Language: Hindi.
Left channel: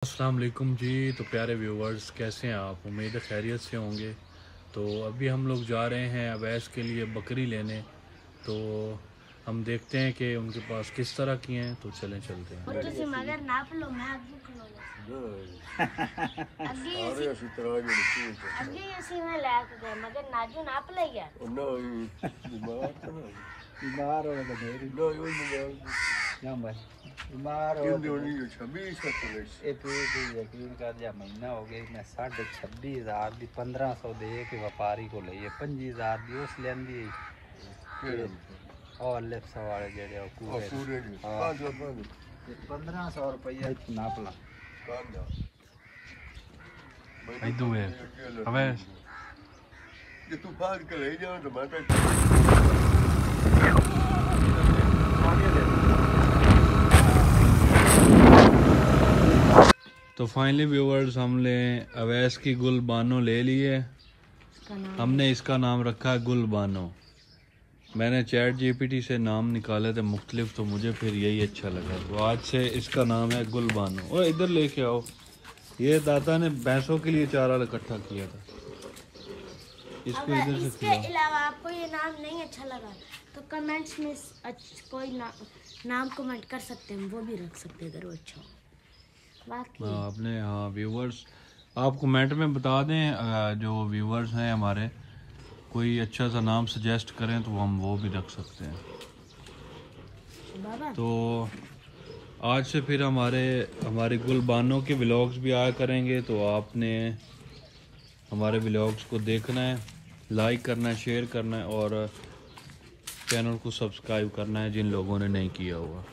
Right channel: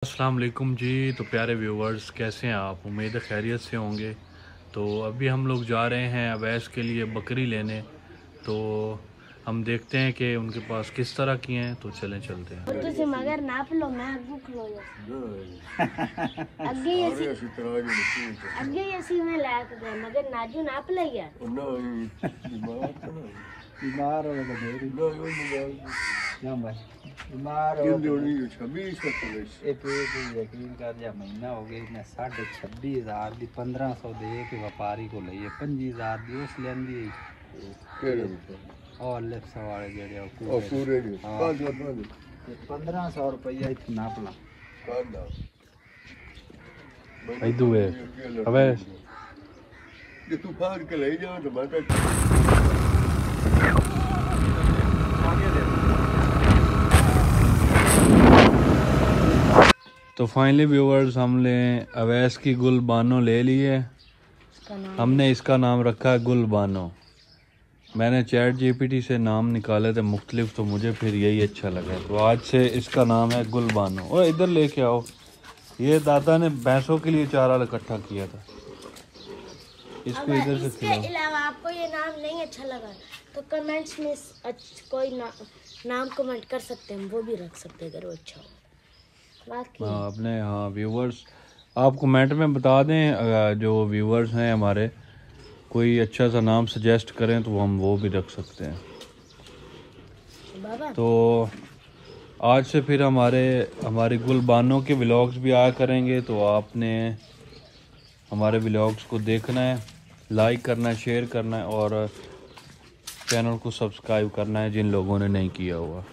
अस्सलाम वालेकुम जी। तो प्यारे व्यूवर्स, कैसे हैं आप? उम्मीद है खैरियत से होंगे। तो अभी हम लोग जा रहे हैं अवैस के लिए बकरी लेने। तो हम देखते हैं कि उनके पास किस तरह की हैं। तो चलें चलते हैं। तुझे मगर नाप लो, मैं भूख लो अगे ऐसी में लायक दे मगर नाजू नाप ले यार। बीमार हो यकीन कर जा महीना हो गया मैं 26,500 की 1500 दे के व्यापारी को ली 25,000 की उस लेंदी और लेफ्ट वाले जेड़े पूरे 1500 रुपया नाप लो। तू फाड़ के ले जाओ तो बात तो फाइनली व्यूवर्स, हमने अवैस की गुलबानो ले ली है। हमने इसका नाम रखा है गुलबानो। मैंने चैट जीपीटी से नाम निकाले थे मुख्तलिफ, तो मुझे फिर यही अच्छा लगा। तो आज से इसका नाम है गुलबानो। और इधर लेके आओ, ये दादा ने भैंसों के लिए चारा इकट्ठा किया था। इसको इधर से इसके अलावा आपको ये नाम नहीं अच्छा लगा तो कमेंट्स में कोई नाम कमेंट कर सकते हैं, वो भी रख सकते हैं अगर वो अच्छा हो। हाँ अपने व्यूवर्स आप कमेंट में बता दें। जो व्यूवर्स हैं हमारे, कोई अच्छा सा नाम सजेस्ट करें तो हम वो भी रख सकते हैं। तो आज से फिर हमारे गुलबानों के व्लॉग्स भी आया करेंगे। तो आपने हमारे व्लॉग्स को देखना है, लाइक करना है, शेयर करना है और चैनल को सब्सक्राइब करना है जिन लोगों ने नहीं किया हुआ।